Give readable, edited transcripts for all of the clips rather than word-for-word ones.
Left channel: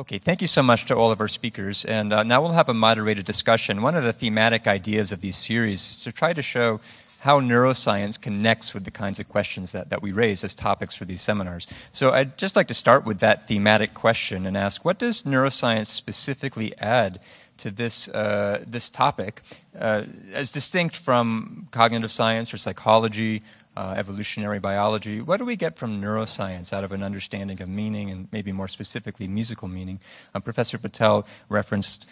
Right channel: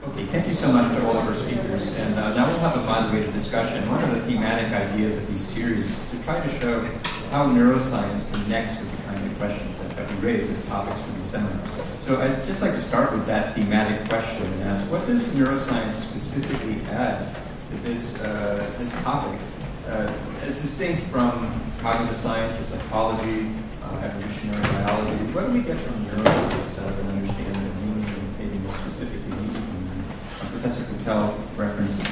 Okay, thank you so much to all of our speakers. And now we'll have a moderated discussion. One of the thematic ideas of these series is to try to show how neuroscience connects with the kinds of questions that we raise as topics for these seminars. So I'd just like to start with that thematic question and ask, what does neuroscience specifically add to this, this topic, as distinct from cognitive science or psychology, evolutionary biology? What do we get from neuroscience out of an understanding of meaning, and maybe more specifically musical meaning? Professor Patel referenced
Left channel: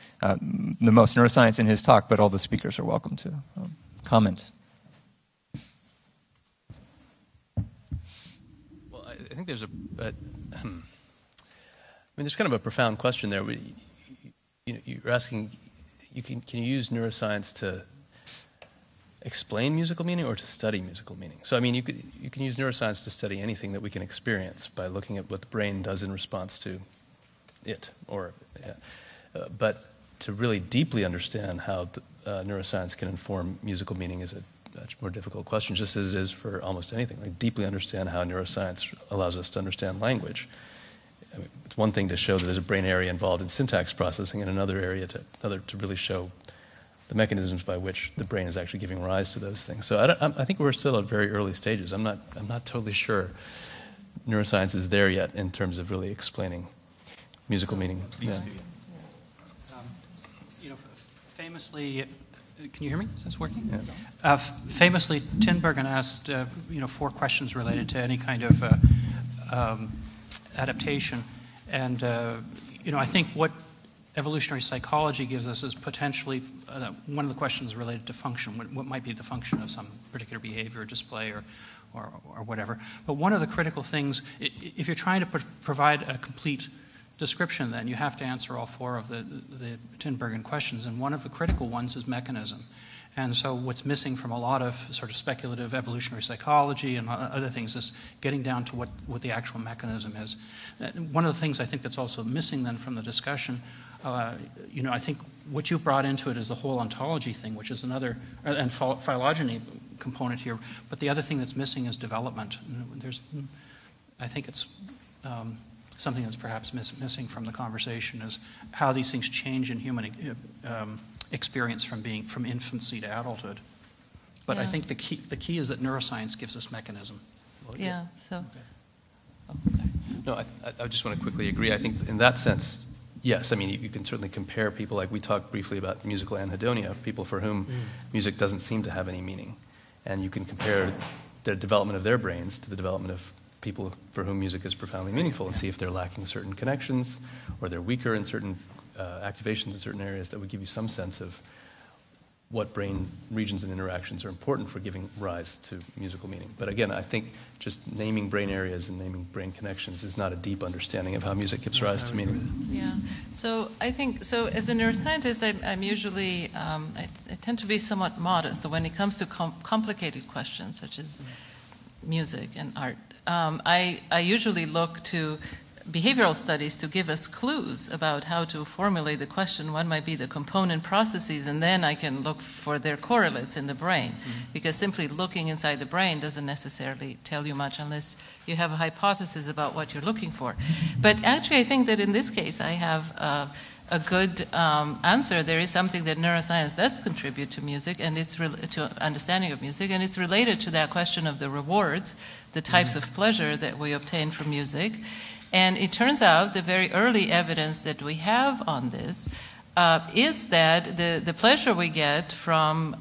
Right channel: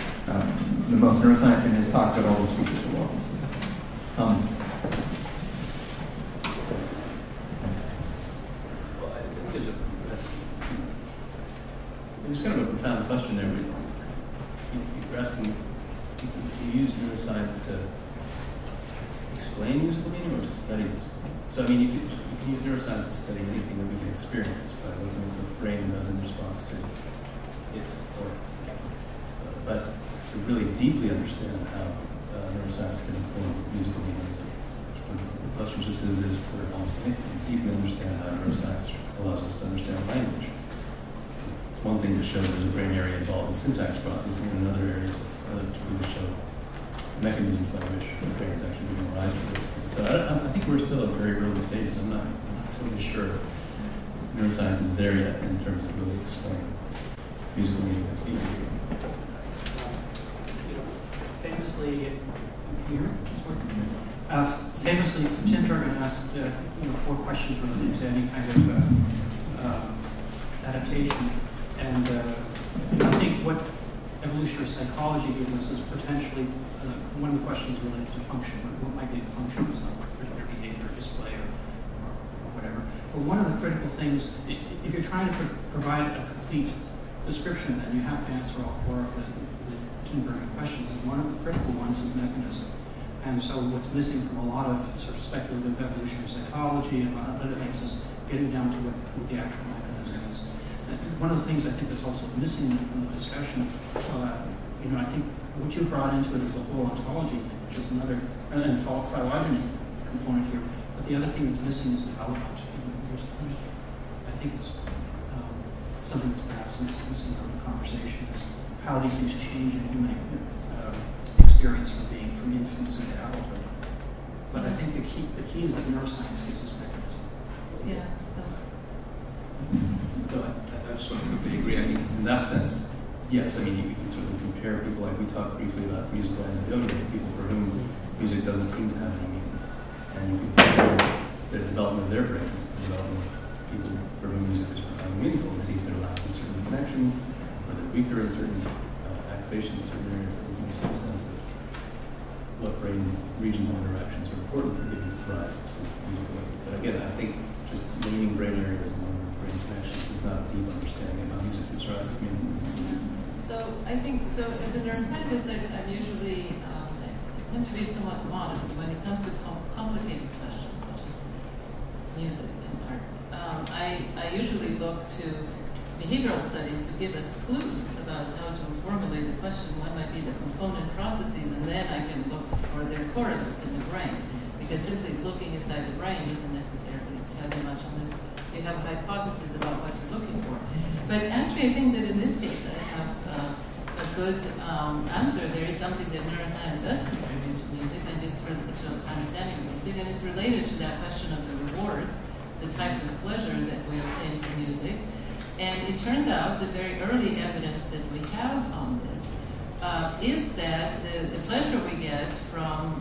the most neuroscience in his talk, but all the speakers are welcome to comment. Well, I think there's there's kind of a profound question there. You're asking, can you use neuroscience to explain musical meaning or to study musical meaning? So, I mean, you can use neuroscience to study anything that we can experience by looking at what the brain does in response to it, but to really deeply understand how neuroscience can inform musical meaning is a much more difficult question, just as it is for almost anything. Deeply understand how neuroscience allows us to understand language. It's one thing to show there's a brain area involved in syntax processing, and another area to really show the mechanisms by which the brain is actually giving rise to those things. So I think we're still at very early stages. I'm not totally sure neuroscience is there yet in terms of really explaining musical meaning. Yeah. Famously, can you hear me? Is this working? Famously, Tinbergen asked 4 questions related to any kind of adaptation, and I think what evolutionary psychology gives us is potentially one of the questions related to function. What might be the function of some particular behavior, display, or whatever? But one of the critical things, if you're trying to provide a complete description, then you have to answer all 4 of the Tinbergen questions, and one of the critical ones is mechanism. And so what's missing from a lot of sort of speculative evolutionary psychology and other things is getting down to what the actual mechanism is. And one of the things I think that's also missing then from the discussion, I think what you brought into it is the whole ontology thing, which is another, and phylogeny component here, but the other thing that's missing is development. I think it's something that's perhaps missing from the conversation is how these things change in human experience from infancy to adulthood. But I think the key is that neuroscience gives us mechanism. Yeah. So. No, I just want to quickly agree. I think in that sense, yes. I mean, you can certainly compare people. Like we talked briefly about musical anhedonia, people for whom music doesn't seem to have any meaning, and you can compare the development of their brains to the development of people for whom music is profoundly meaningful and see if they're lacking certain connections or they're weaker in certain activations in certain areas that would give you some sense of what brain regions and interactions are important for giving rise to musical meaning. But again, I think just naming brain areas and naming brain connections is not a deep understanding of how music gives rise to meaning. Yeah. So I think, as a neuroscientist, I'm usually, I tend to be somewhat modest. So when it comes to complicated questions such as music and art, I usually look to behavioral studies to give us clues about how to formulate the question. What might be the component processes, and then I can look for their correlates in the brain, because simply looking inside the brain doesn't necessarily tell you much unless you have a hypothesis about what you're looking for. But actually, I think that in this case, I have a good answer. There is something that neuroscience does contribute to music, and it's to understanding of music, and it's related to that question of the rewards, the types of pleasure that we obtain from music. And it turns out the very early evidence that we have on this is that the pleasure we get from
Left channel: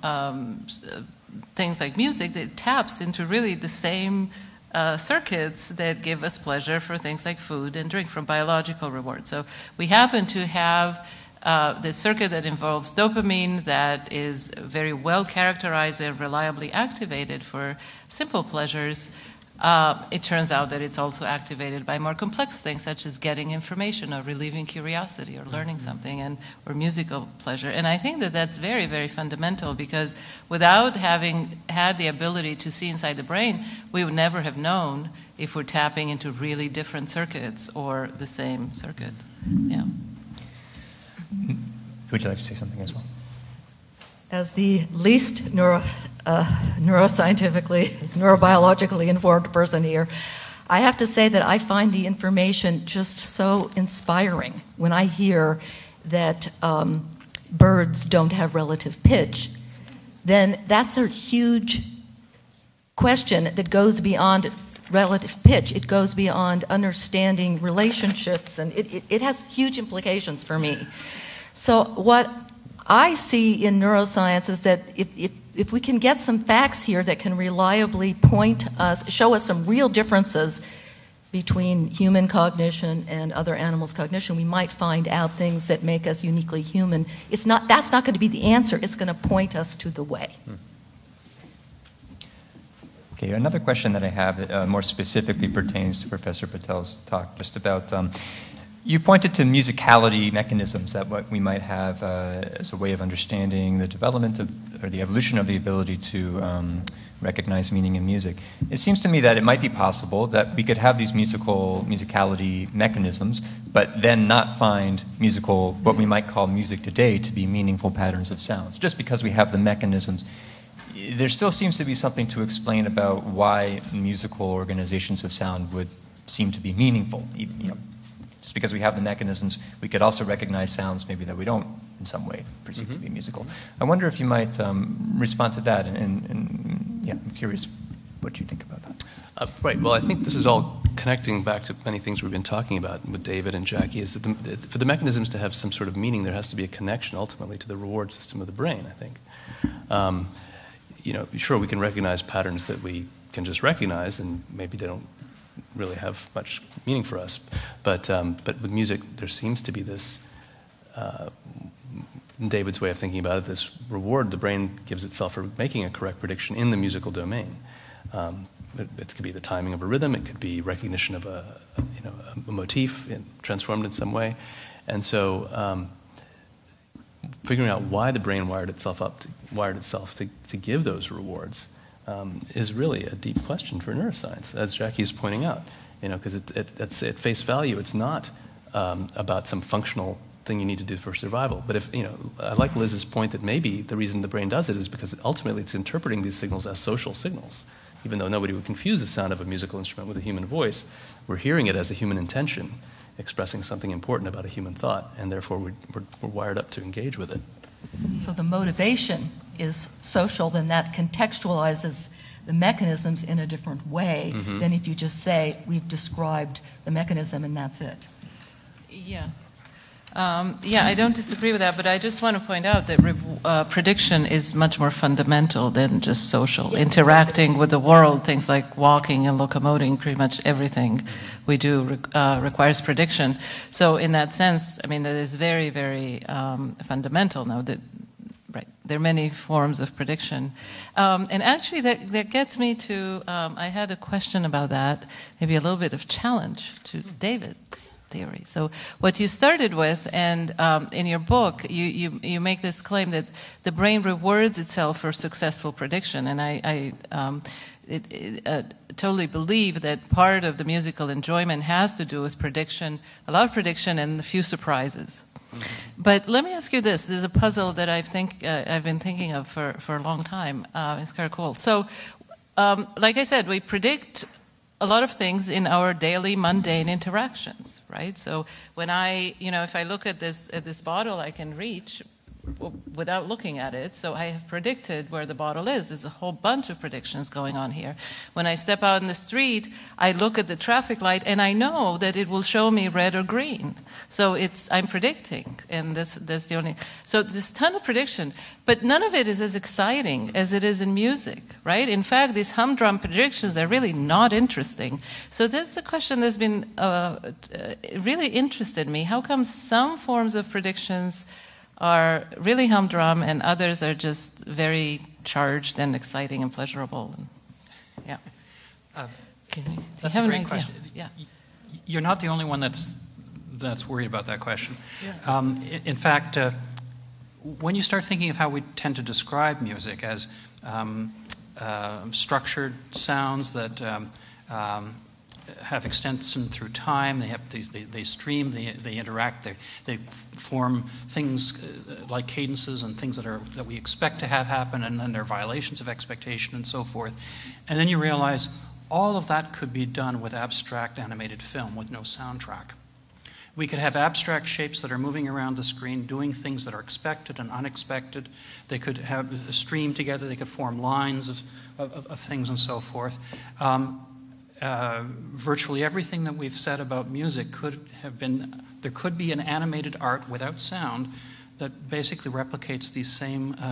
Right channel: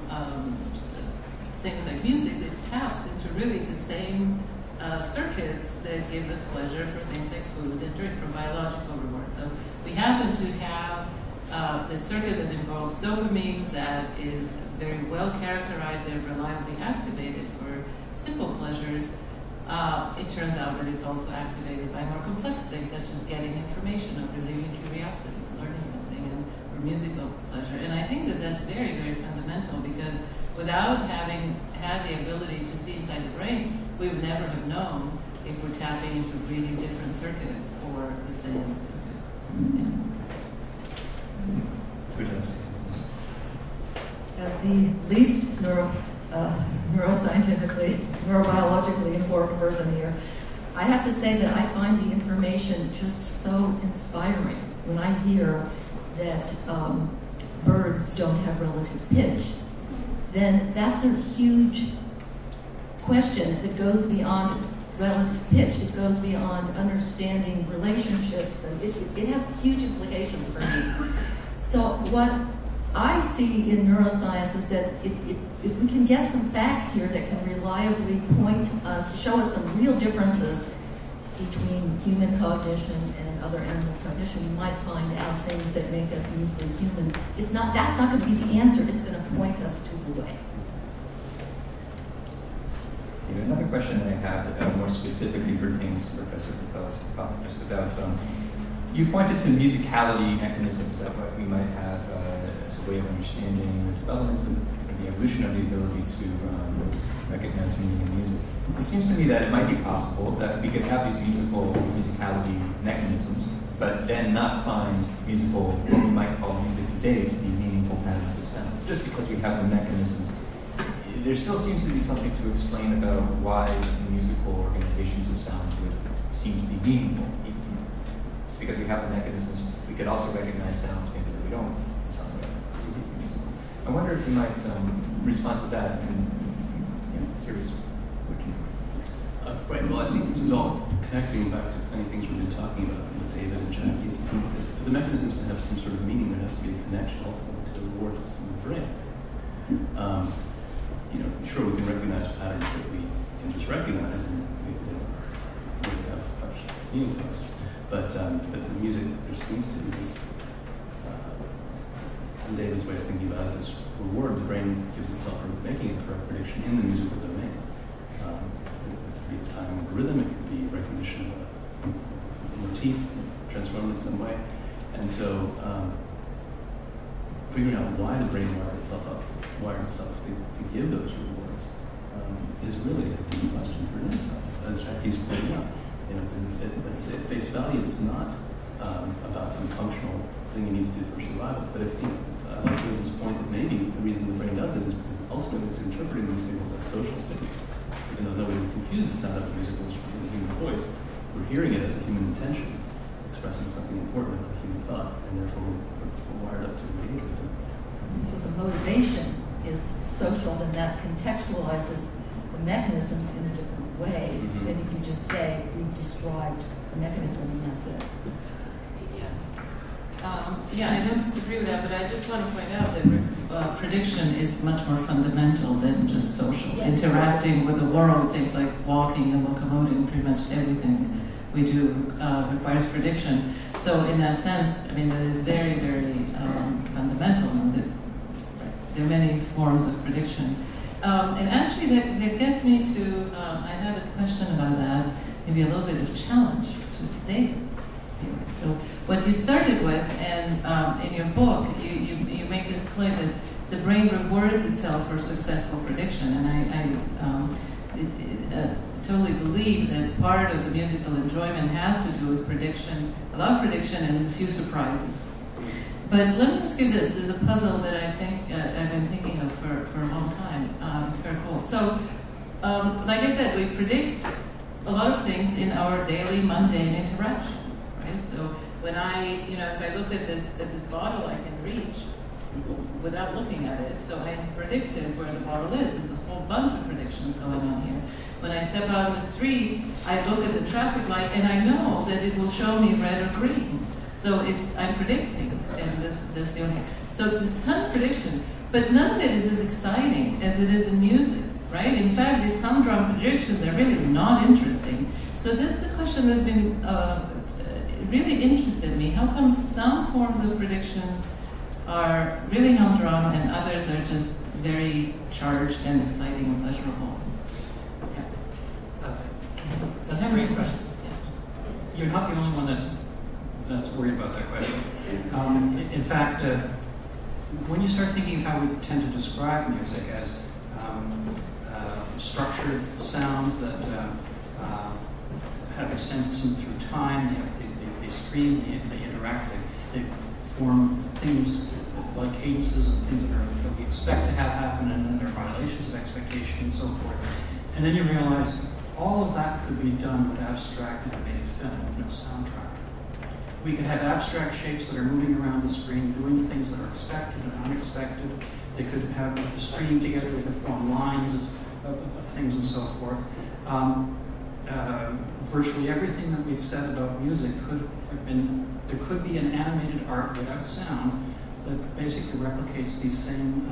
things like music, that taps into really the same circuits that give us pleasure for things like food and drink, from biological rewards. So we happen to have the circuit that involves dopamine that is very well characterized and reliably activated for simple pleasures. It turns out that it's also activated by more complex things, such as getting information or relieving curiosity or learning something, or musical pleasure. And I think that that's very, very fundamental, because without having had the ability to see inside the brain, we would never have known if we're tapping into really different circuits or the same circuit. Yeah. Would you like to say something as well? As the least neuroscientifically, neurobiologically informed person here, I have to say that I find the information just so inspiring when I hear that birds don't have relative pitch. Then that's a huge question that goes beyond relative pitch. It goes beyond understanding relationships, and it has huge implications for me. So what I see in neuroscience is that if we can get some facts here that can reliably show us some real differences between human cognition and other animals' cognition, we might find out things that make us uniquely human. That's not going to be the answer. It's going to point us to the way. Okay, another question that I have that more specifically pertains to Professor Patel's talk, just about, you pointed to musicality mechanisms that we might have as a way of understanding the development of, or the evolution of the ability to recognize meaning in music. It seems to me that it might be possible that we could have these musicality mechanisms, but then not find what we might call music today to be meaningful patterns of sounds, just because we have the mechanisms. There still seems to be something to explain about why musical organizations of sound would seem to be meaningful. Just because we have the mechanisms, we could also recognize sounds maybe that we don't in some way perceive to be musical. I wonder if you might respond to that, and I'm curious what you think about that. Right, well, I think this is all connecting back to many things we've been talking about with David and Jackie, is that for the mechanisms to have some sort of meaning, there has to be a connection ultimately to the reward system of the brain, I think. Sure, we can recognize patterns that we can just recognize, and maybe they don't really have much meaning for us. But with music, there seems to be this, in David's way of thinking about it, this reward the brain gives itself for making a correct prediction in the musical domain. It could be the timing of a rhythm, it could be recognition of a motif transformed in some way. And so figuring out why the brain wired itself to give those rewards is really a deep question for neuroscience, as Jackie is pointing out. Because it's at face value, it's not about some functional thing you need to do for survival. But I like Liz's point that maybe the reason the brain does it is because ultimately it's interpreting these signals as social signals. Even though nobody would confuse the sound of a musical instrument with a human voice, we're hearing it as a human intention, expressing something important about a human thought, and therefore we're wired up to engage with it. So the motivation is social, then that contextualizes the mechanisms in a different way than if you just say, we've described the mechanism and that's it. Yeah, I don't disagree with that, but I just want to point out that prediction is much more fundamental than just social. Yes. Interacting with the world, things like walking and locomoting, pretty much everything we do requires prediction. So in that sense, that is very, very fundamental now. There are many forms of prediction. And actually, that gets me to, I had a question about that, maybe a little bit of challenge to David's theory. So what you started with, and in your book, you make this claim that the brain rewards itself for successful prediction. And I totally believe that part of the musical enjoyment has to do with prediction, a lot of prediction and a few surprises. But let me ask you this. There's a puzzle that I've been thinking of for a long time. It's kind of cool. So, like I said, we predict a lot of things in our daily mundane interactions, right? So when if I look at this bottle, I can reach without looking at it. So I have predicted where the bottle is. There's a whole bunch of predictions going on here. When I step out in the street, I look at the traffic light, and I know that it will show me red or green. So I'm predicting, and that's the only. So there's a ton of prediction, but none of it is as exciting as it is in music, right? In fact, these humdrum predictions are really not interesting. So that's the question that's been really interested me. How come some forms of predictions are really humdrum and others are just very charged and exciting and pleasurable? Yeah. That's a great question. Yeah. You're not the only one that's worried about that question. In fact, when you start thinking of how we tend to describe music as structured sounds that have extension through time, they stream, they interact, they form things like cadences and things that we expect to have happen, and they're violations of expectation and so forth. And then you realize all of that could be done with abstract animated film with no soundtrack. We could have abstract shapes that are moving around the screen, doing things that are expected and unexpected. They could have a stream together, they could form lines of things and so forth. Virtually everything that we've said about music could have been, there could be an animated art without sound that basically replicates these same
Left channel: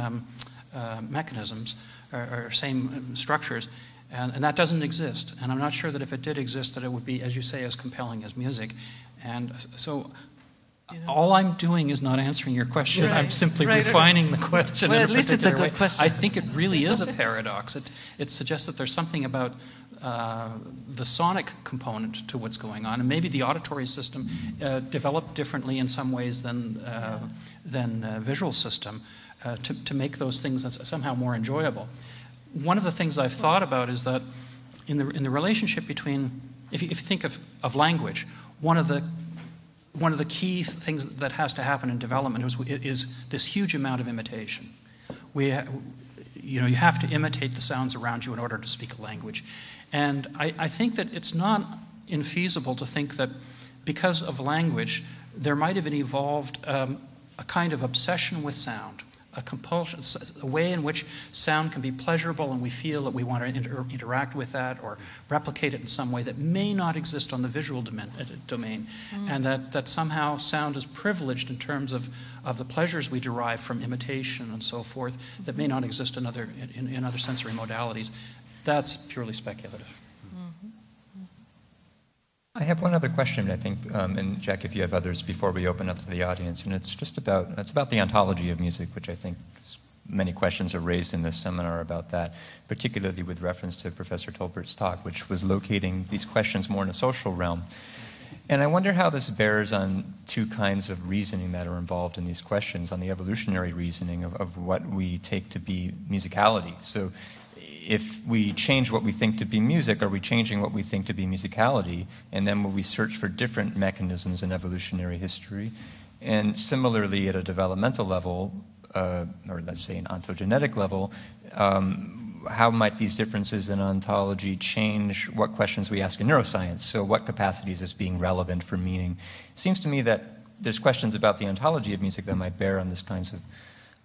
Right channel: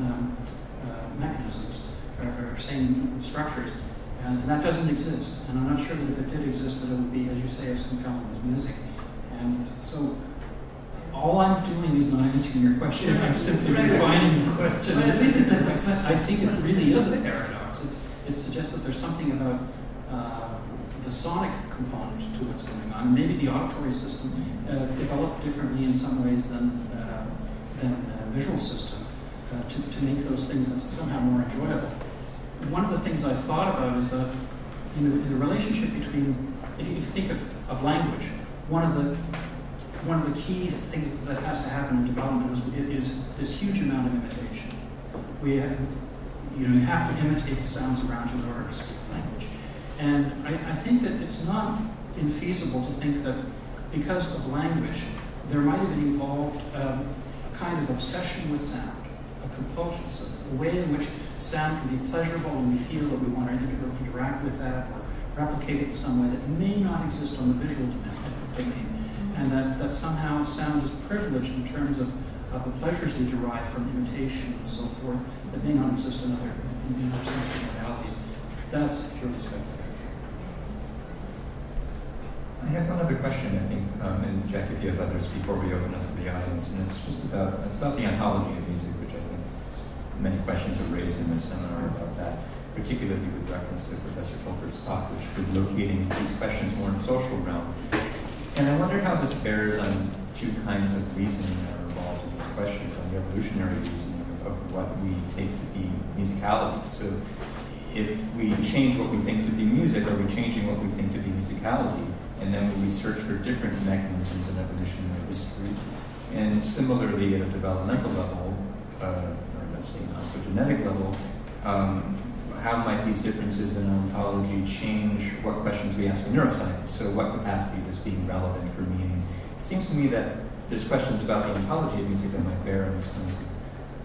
mechanisms or same structures. And that doesn't exist. And I'm not sure that if it did exist, that it would be, as you say, as compelling as music. And so all I'm doing is not answering your question. I'm simply refining the question. Well, at least it's a good question. I think it really is a paradox. It suggests that there's something about the sonic component to what's going on. And maybe the auditory system developed differently in some ways than visual system to make those things somehow more enjoyable. One of the things I've thought about is that in the relationship between, if you think of language, one of the key things that has to happen in development is this huge amount of imitation. You have to imitate the sounds around you in order to speak a language. And I think that it's not infeasible to think that because of language, there might have evolved a kind of obsession with sound. A compulsion, a way in which sound can be pleasurable and we feel that we want to interact with that or replicate it in some way that may not exist on the visual domain, and that somehow sound is privileged in terms of the pleasures we derive from imitation and so forth that may not exist in other sensory modalities. That's purely speculative. I have one other question, I think, and Jack, if you have others before we open up to the audience, and it's about the ontology of music, which I think many questions are raised in this seminar about that, particularly with reference to Professor Tolbert's talk, which was locating these questions more in the social realm. And I wonder how this bears on two kinds of reasoning that are involved in these questions, on the evolutionary reasoning of what we take to be musicality. So if we change what we think to be music, are we changing what we think to be musicality? And then when we search for different mechanisms in evolutionary history, and similarly at a developmental level, or let's say an ontogenetic level, how might these differences in ontology change what questions we ask in neuroscience? So what capacity is this being relevant for meaning? It seems to me that there's questions about the ontology of music that might bear on this kinds of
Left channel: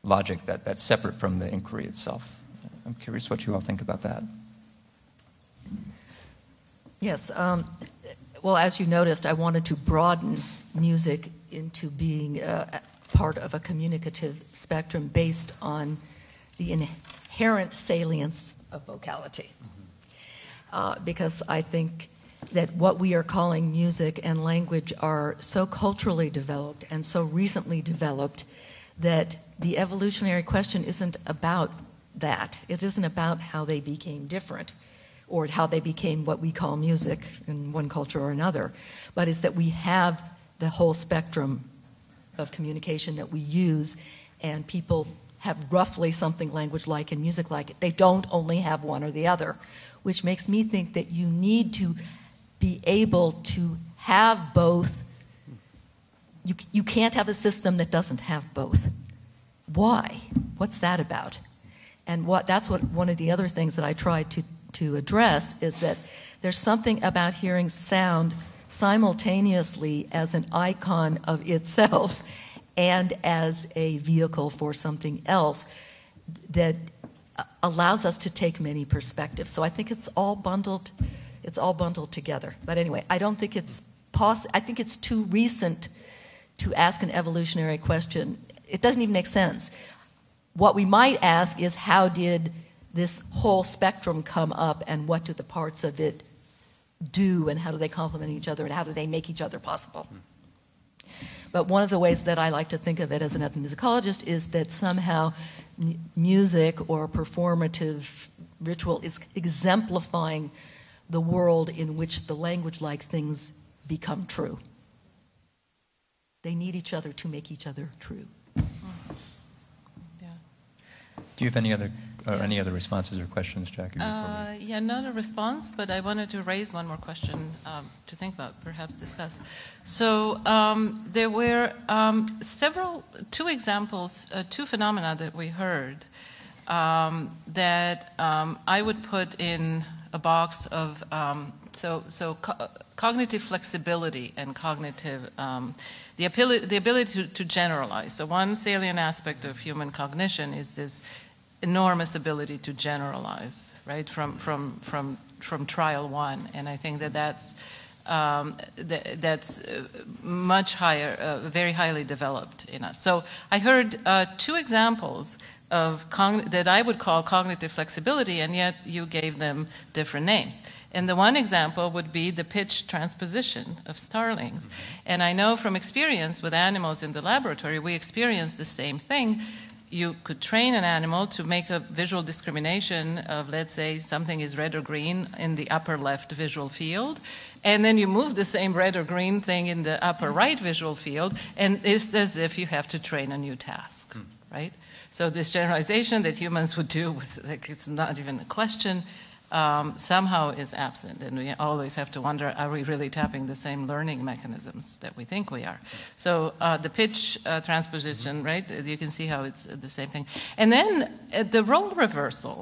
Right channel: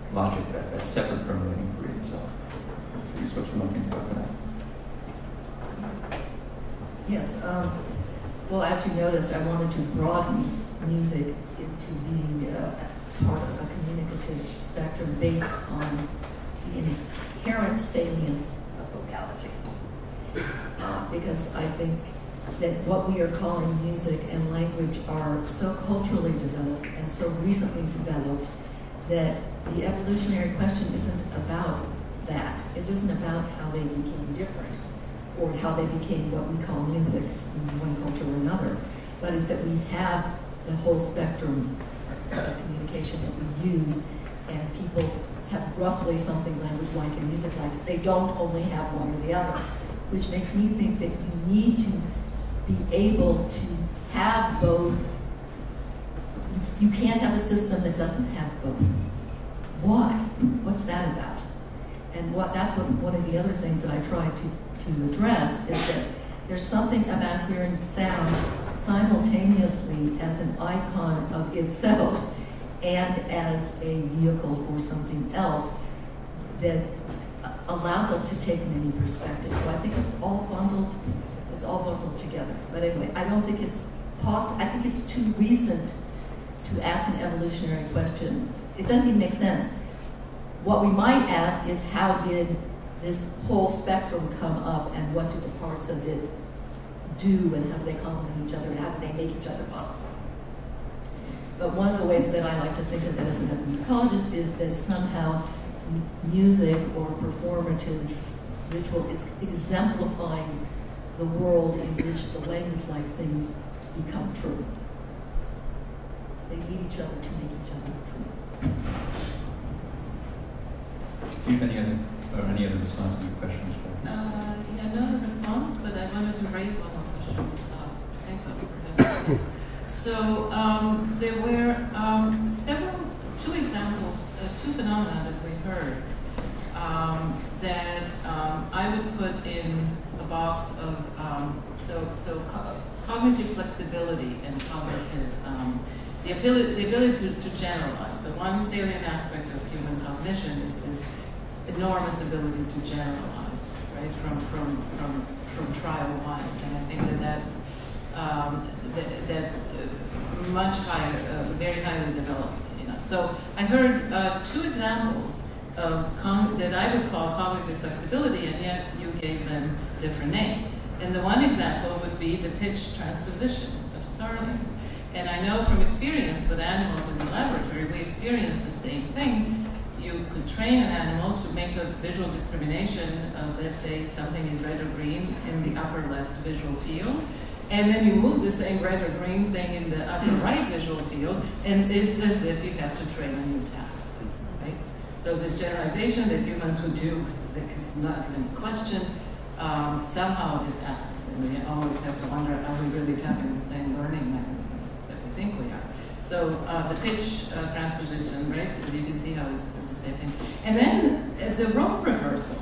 logic that's separate from the inquiry itself. I'm curious what you all think about that. Yes. Well, as you noticed, I wanted to broaden music into being part of a communicative spectrum based on the inherent salience of vocality. Because I think that what we are calling music and language are so culturally developed and so recently developed that the evolutionary question isn't about that. It isn't about how they became different or how they became what we call music in one culture or another, but it's that we have the whole spectrum of communication that we use, and people have roughly something language-like and music-like. They don't only have one or the other, which makes me think that you need to be able to have both. You can't have a system that doesn't have both. Why? What's that about? And that's one of the other things that I tried to address is that there's something about hearing sound simultaneously as an icon of itself and as a vehicle for something else that allows us to take many perspectives. So I think it's all bundled together. But anyway, I don't think it's possible. I think it's too recent to ask an evolutionary question. It doesn't even make sense. What we might ask is, how did this whole spectrum come up, and what do the parts of it do, and how do they complement each other, and how do they make each other possible? But one of the ways that I like to think of it as an ethnomusicologist is that somehow music or performative ritual is exemplifying the world in which the language-like things become true. They need each other to make each other true. Do you have any other responses or questions, Jacqueline? Yeah, not a response, but I wanted to raise one more question to think about, perhaps discuss. So there were two examples, two phenomena that we heard that I would put in a box of cognitive flexibility and cognitive the ability to generalize. So one salient aspect of human cognition is this enormous ability to generalize, right? From trial one, and I think that's much higher, very highly developed in us. So I heard two examples of that I would call cognitive flexibility, and yet you gave them different names. And the one example would be the pitch transposition of starlings. And I know from experience with animals in the laboratory, we experience the same thing. You could train an animal to make a visual discrimination of, let's say, something is red or green in the upper left visual field, and then you move the same red or green thing in the upper right visual field, and it's as if you have to train a new task, right? So this generalization that humans would do, like, it's not even a question, somehow is absent, and we always have to wonder, are we really tapping the same learning mechanisms that we think we are? So the pitch transposition, right, you can see how it's the same thing. And then the role reversal.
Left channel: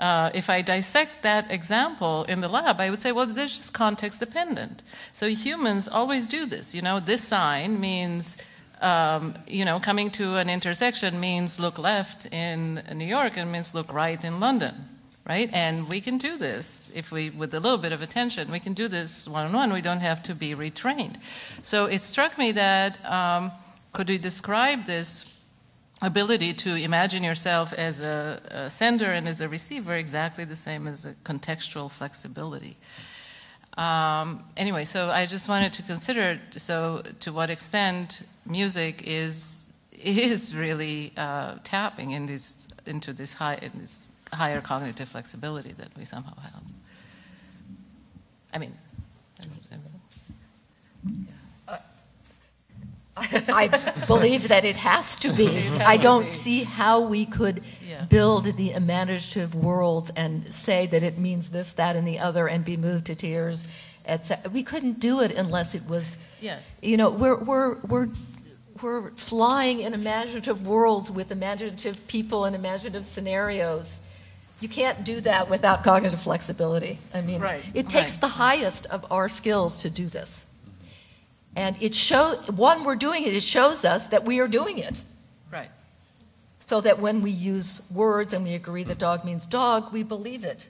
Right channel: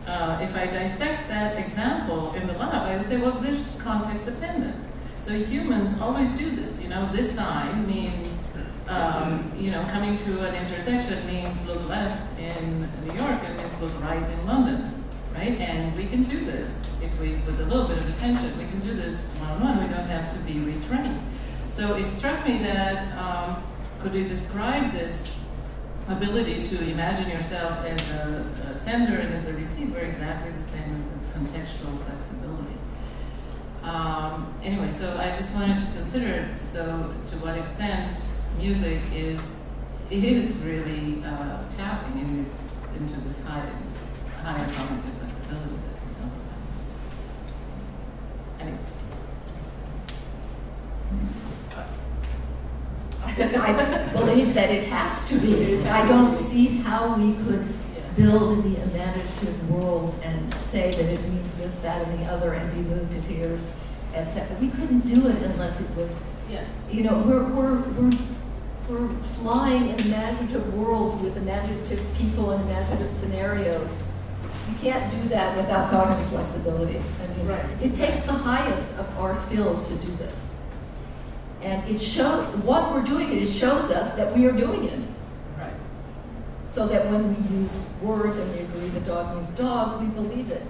If I dissect that example in the lab, I would say, well, this is context dependent. So humans always do this. You know, this sign means, coming to an intersection means look left in New York and means look right in London, right? And we can do this if we, with a little bit of attention, we can do this one-on-one. We don't have to be retrained. So it struck me that could we describe this ability to imagine yourself as a sender and as a receiver exactly the same as a contextual flexibility. Anyway, so I just wanted to consider, so to what extent music is really tapping into this higher cognitive flexibility that we somehow have. I mean, I believe that it has to be. I don't see how we could build the imaginative worlds and say that it means this, that, and the other, and be moved to tears, etc. We couldn't do it unless it was. Yes. You know, we're flying in imaginative worlds with imaginative people and imaginative scenarios. You can't do that without cognitive flexibility. I mean, It takes the highest of our skills to do this. And it shows, what we're doing it shows us that we are doing it. Right. So that when we use words and we agree that dog means dog, we believe it.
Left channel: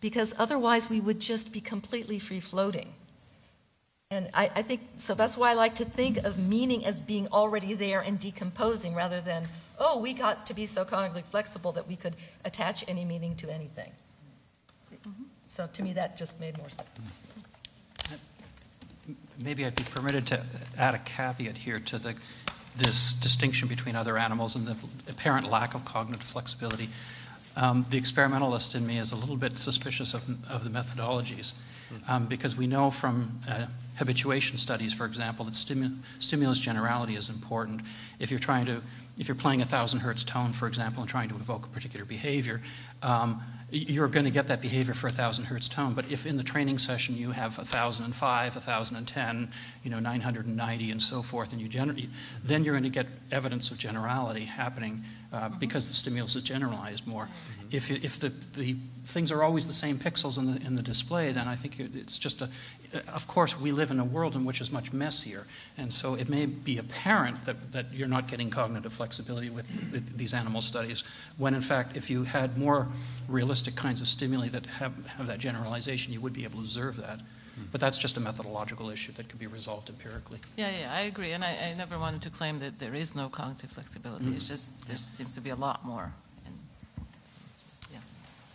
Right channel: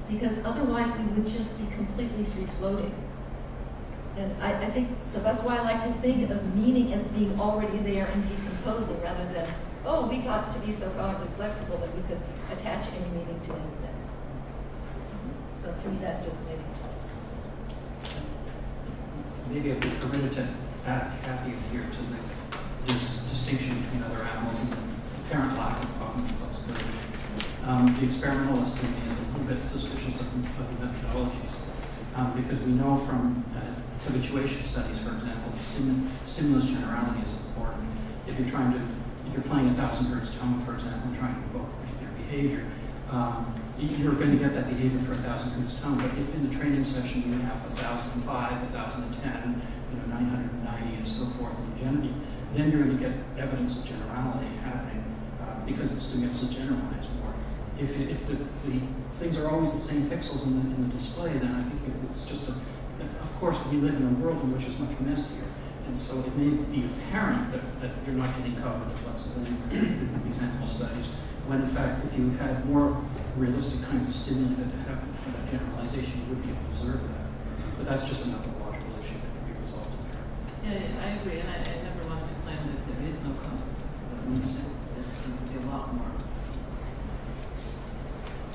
Because otherwise we would just be completely free-floating. And I think, so that's why I like to think of meaning as being already there and decomposing rather than, oh, we got to be so cognitively flexible that we could attach any meaning to anything. So to me that just made more sense. Maybe I'd be permitted to add a caveat here to this distinction between other animals and the apparent lack of cognitive flexibility. The experimentalist in me is a little bit suspicious of the methodologies because we know from habituation studies, for example, that stimulus generality is important. If you're playing a 1,000 hertz tone, for example, and trying to evoke a particular behavior, you're going to get that behavior for a 1,000 hertz tone. But if in the training session you have 1,005, 1,010, 990, and so forth, and then you're going to get evidence of generality happening because the stimulus is generalized more. If the things are always the same pixels in the display, then I think it's just of course, we live in a world in which is much messier. And so it may be apparent that you're not getting cognitive flexibility with these animal studies, when in fact, if you had more realistic kinds of stimuli that have that generalization, you would be able to observe that. But that's just a methodological issue that can be resolved empirically. Yeah, I agree. And I never wanted to claim that there is no cognitive flexibility. Mm-hmm. It's just, there seems to be a lot more.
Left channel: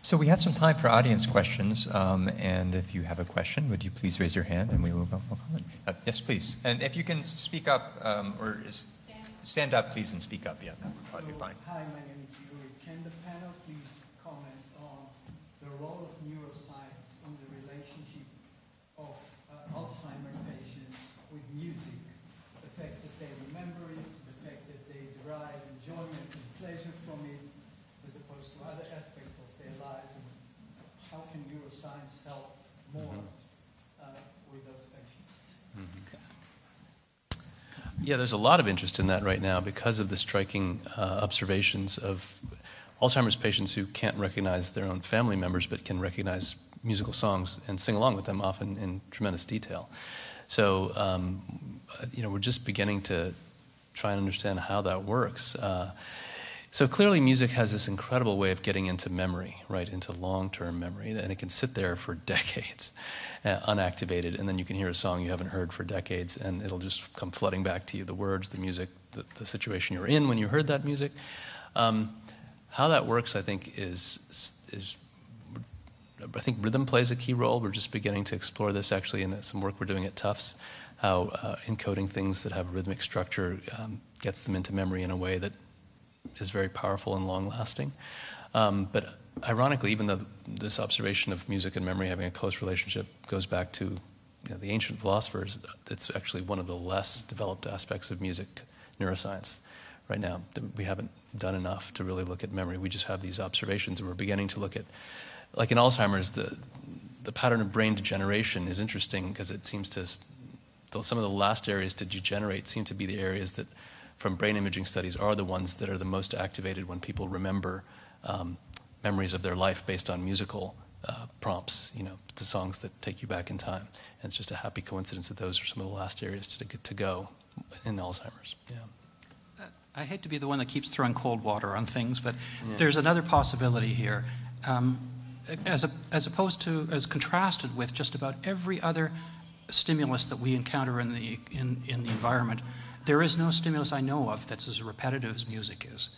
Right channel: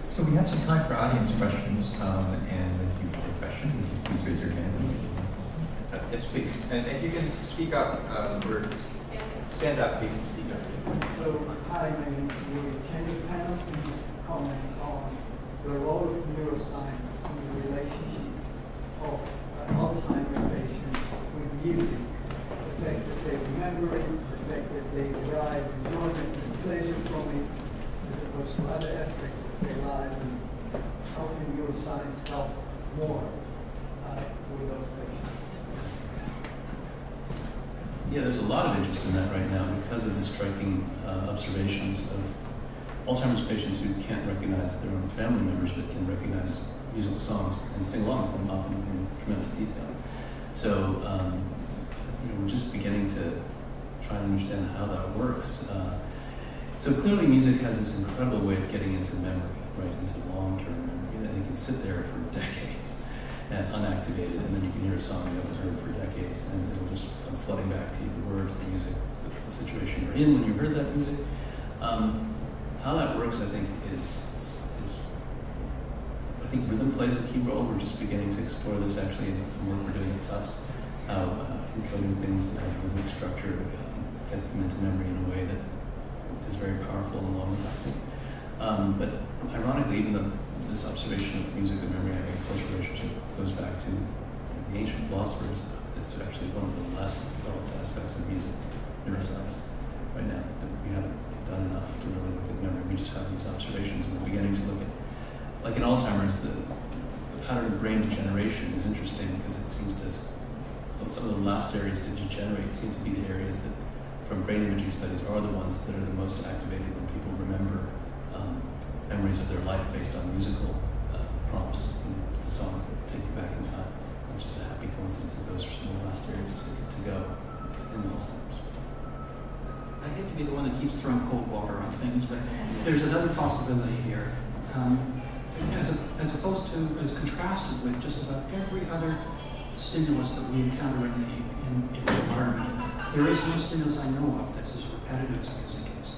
So we have some time for audience questions, and if you have a question, would you please raise your hand? And we will yes, please. And if you can speak up, or just stand up, please, and speak up. So, hi, my name is Louis. Can the panel please comment on the role of neuroscience in the relationship of Alzheimer's patients with music? The fact that they remember it, the fact that they derive enjoyment and pleasure from it, as opposed to other aspects of their lives, and how can neuroscience help more with those patients? Yeah, there's a lot of interest in that right now because of the striking observations of Alzheimer's patients who can't recognize their own family members but can recognize musical songs and sing along with them often in tremendous detail. So, we're just beginning to try and understand how that works. So clearly music has this incredible way of getting into memory, right, into long-term memory, and it can sit there for decades, unactivated, and then you can hear a song you haven't heard for decades, and it'll just come flooding back to you, the words, the music, the situation you were in when you heard that music. How that works, I think, is I think rhythm plays a key role. We're just beginning to explore this actually in some work we're doing at Tufts, how encoding things that have a rhythmic structure gets them into memory in a way that is very powerful and long-lasting. But ironically, even though this observation of music and memory having a close relationship goes back to the ancient philosophers, it's actually one of the less developed aspects of music neuroscience right now. We haven't done enough to really look at memory. We just have these observations, and we're beginning to look at, like in Alzheimer's, the pattern of brain degeneration is interesting because it seems to, some of the last areas to degenerate seem to be the areas that, from brain imaging studies, are the ones that are the most activated when people remember memories of their life based on musical prompts, the songs that take you back in time. And it's just a happy coincidence that those are some of the last areas to go in Alzheimer's. I hate to be the one that keeps throwing cold water on things, but there's another possibility here. As contrasted with just about every other stimulus that we encounter in the environment, there is no stimulus I know of that's as repetitive as music is.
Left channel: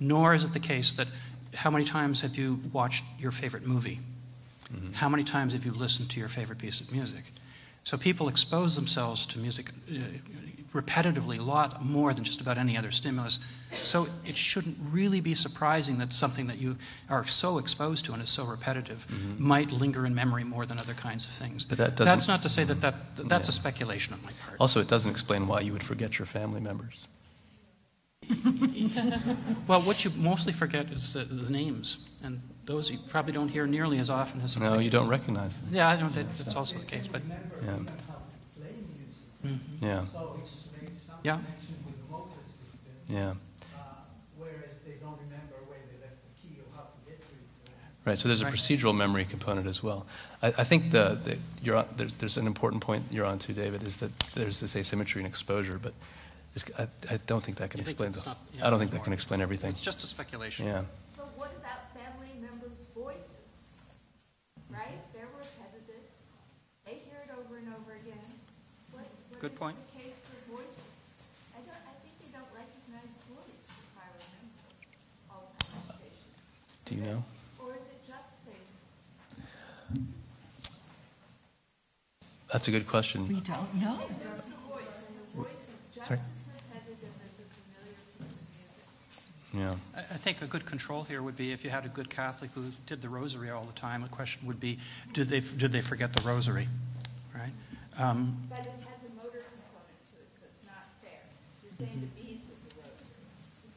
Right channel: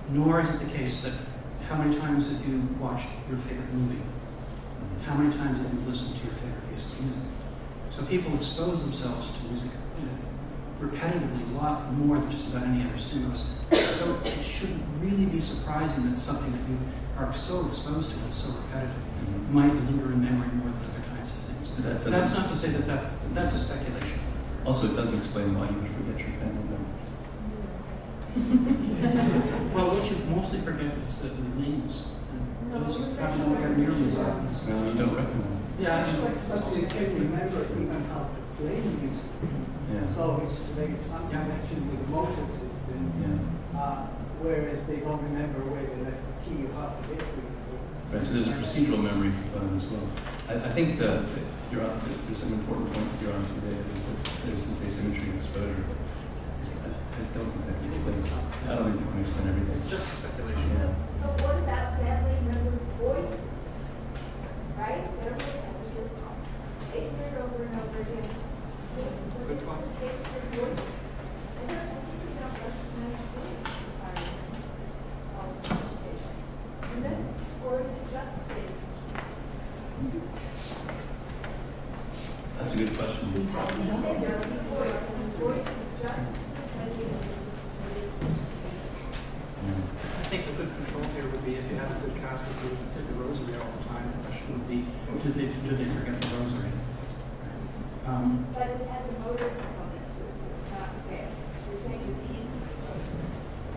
Nor is it the case that how many times have you watched your favorite movie? How many times have you listened to your favorite piece of music? So people expose themselves to music repetitively a lot more than just about any other stimulus. So it shouldn't really be surprising that something that you are so exposed to and is so repetitive might linger in memory more than other kinds of things. But that's not to say that's a speculation. Also, it doesn't explain why you would forget your family members. Well, what you mostly forget is the names, and those you probably don't hear nearly as often as... No, you don't recognize. Yeah, I know that's also the case, but... Yeah. So it's like some connection with motor systems, whereas they don't remember where they left the key or how to get to it. Right, so there's a procedural memory component as well. I think there's an important point you're on too, David, is that there's this asymmetry in exposure, but I don't think that can explain. I don't think that can explain everything. It's just a speculation. Yeah. But what about family members' voices? Right? They're over and over again. Good point. That's a good question. Sorry. Yeah. I think a good control here would be if you have a good Catholic who did the rosary all the time, the question would be, did they forget the rosary? Right? But it has a motor component to it, so it's not fair. You're saying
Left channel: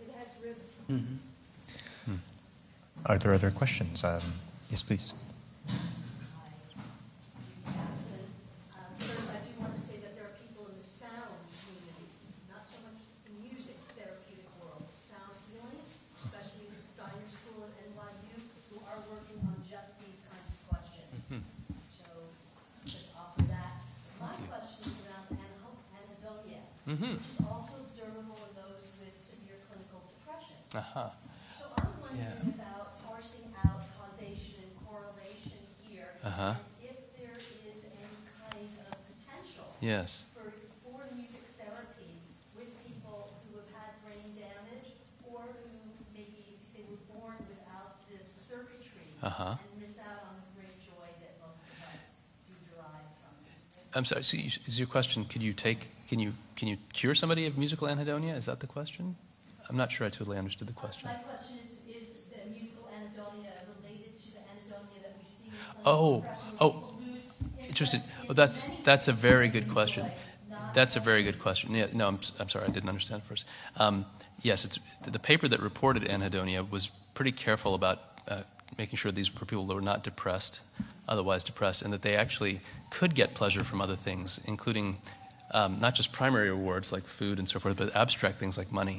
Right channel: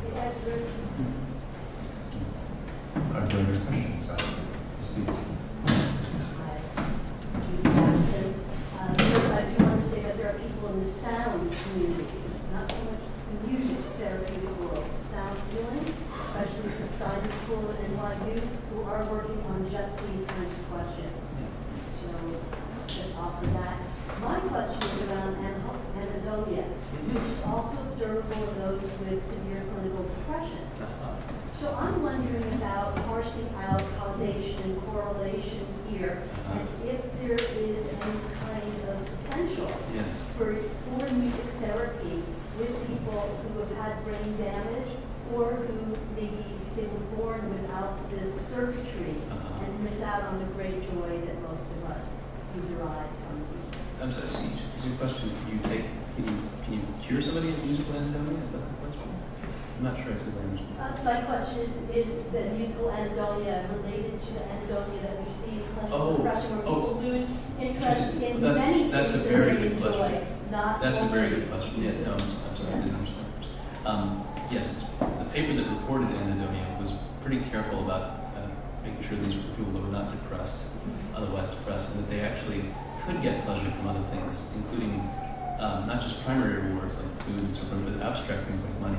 it has rhythm. Are there other questions? Yes, please. I do want to say that there are people in the sound community, not so much the music therapeutic world, sound healing, especially at the Steiner School at NYU, who are working on just these kinds of questions. So just offer that. My question is around anhedonia, which is also observable in those with severe clinical depression. So I'm wondering about parsing out causation and correlation here, and if there is any kind of potential for music therapy with people who have had brain damage or who maybe they were born without this circuitry and miss out on the great joy that most of us do derive from music. I'm sorry. So is your question? Can you cure somebody of musical anhedonia? Is that the question? I'm not sure I totally understood the question. My question is the musical anhedonia related to the anhedonia that we see in clinical depression where people lose interest in that's a very good question. Joy, that's a very good question. Yeah, no, I'm sorry, I didn't understand first. Yes, it's the paper that reported anhedonia was pretty careful about making sure these were people that were not depressed, otherwise depressed, and that they actually could get pleasure from other things, including not just primary rewards like food and so forth, but abstract things like money.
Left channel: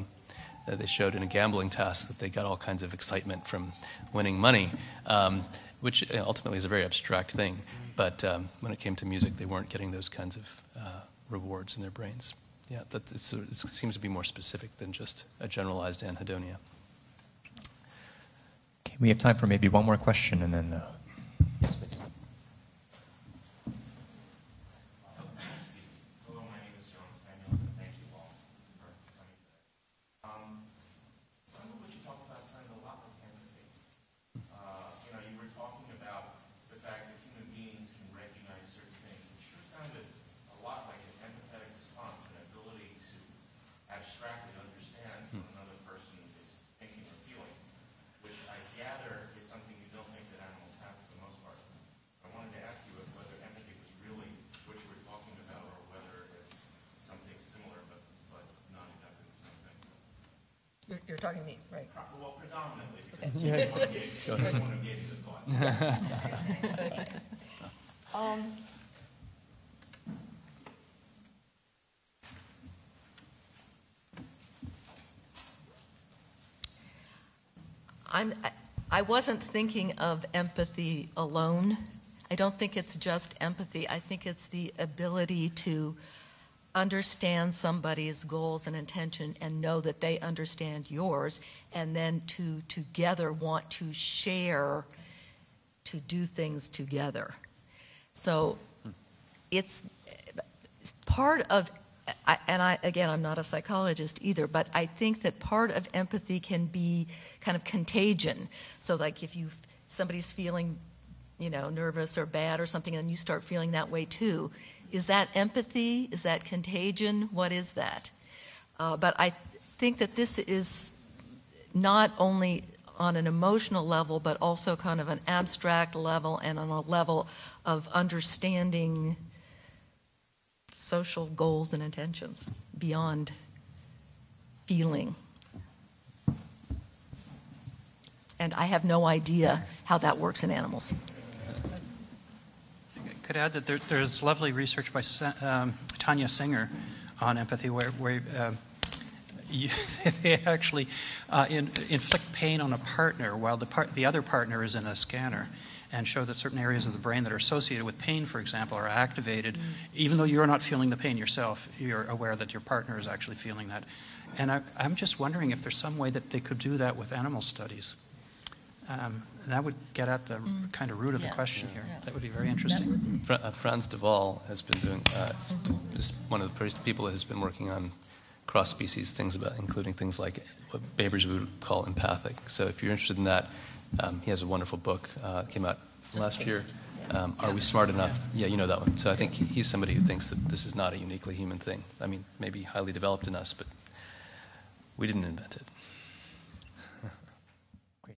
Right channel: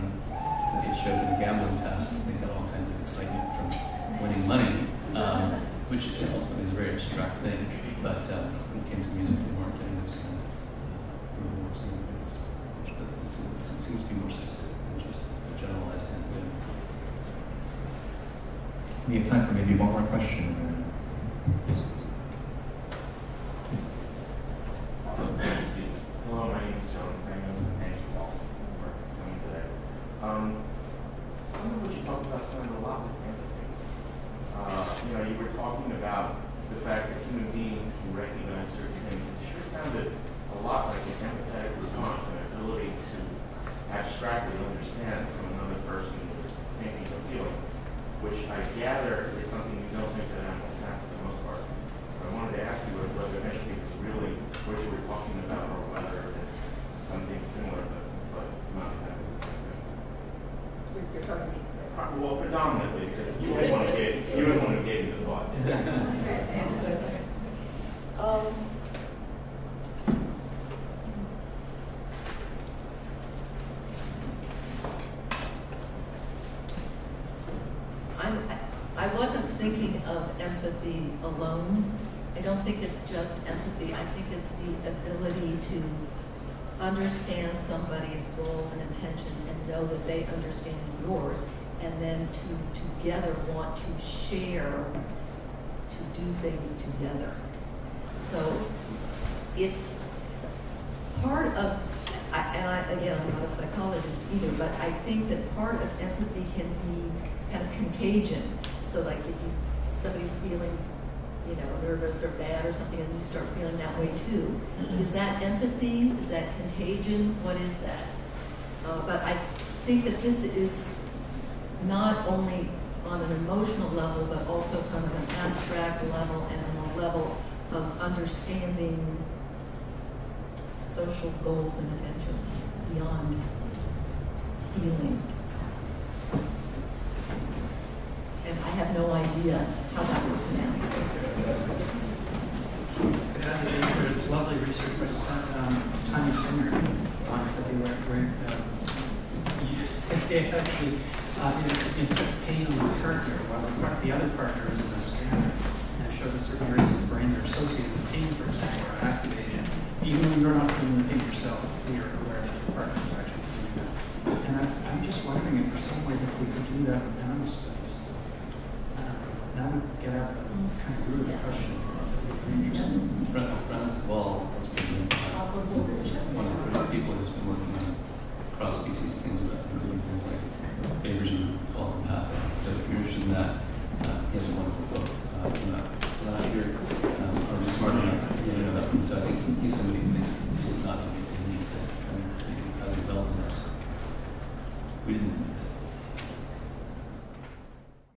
they showed in a gambling test that they got all kinds of excitement from winning money, which ultimately is a very abstract thing. But when it came to music, they weren't getting those kinds of rewards in their brains. Yeah, it seems to be more specific than just a generalized anhedonia. We have time for maybe one more question, and then. Hello, my name is John Samuels, and thank you all for coming today. Some of what you talked about sounded a lot like empathy. You were talking about the fact that human beings can recognize certain things. It sure sounded a lot like an empathetic response, an ability to abstractly understand from another person who's thinking or feeling, which I gather is something you don't think that animals have for the most part. But I wanted to ask you whether empathy was really what you were talking about, or whether it's something similar but not exactly the same thing. You're talking to me. Well, predominantly, because you don't want to get into the thought. I wasn't thinking of empathy alone. I don't think it's just empathy. I think it's the ability to understand somebody's goals and intention and know that they understand yours, and then to together want to share, to do things together. So it's part of, again, I'm not a psychologist either, but I think that part of empathy can be kind of contagion. So like if somebody's feeling, nervous or bad or something, and you start feeling that way too. Is that empathy? Is that contagion? What is that? But I think that this is not only on an emotional level, but also kind of an abstract level and on a level of understanding social goals and intentions beyond feeling. And I have no idea how that works in animals. I could add that there's lovely research by Tanya Singer on empathy, where they actually inflict pain on the partner while the other partner is in the scanner, and show that certain areas of the brain that are associated with pain, for example, are activated. Even though you're not feeling the pain yourself, you're aware that your partner is actually feeling that. And I'm just wondering if there's some way that they could do that with animal studies. That would get at the kind of root of the question. That would be very interesting. Franz de Waal has been is one of the first people who's been working on cross-species things, including things like what Babers would call empathic. So if you're interested in that, he has a wonderful book came out last year. Are We Smart Enough? Yeah, you know that one. So I think he's somebody who thinks that this is not a uniquely human thing. I mean, maybe highly developed in us, but we didn't invent it.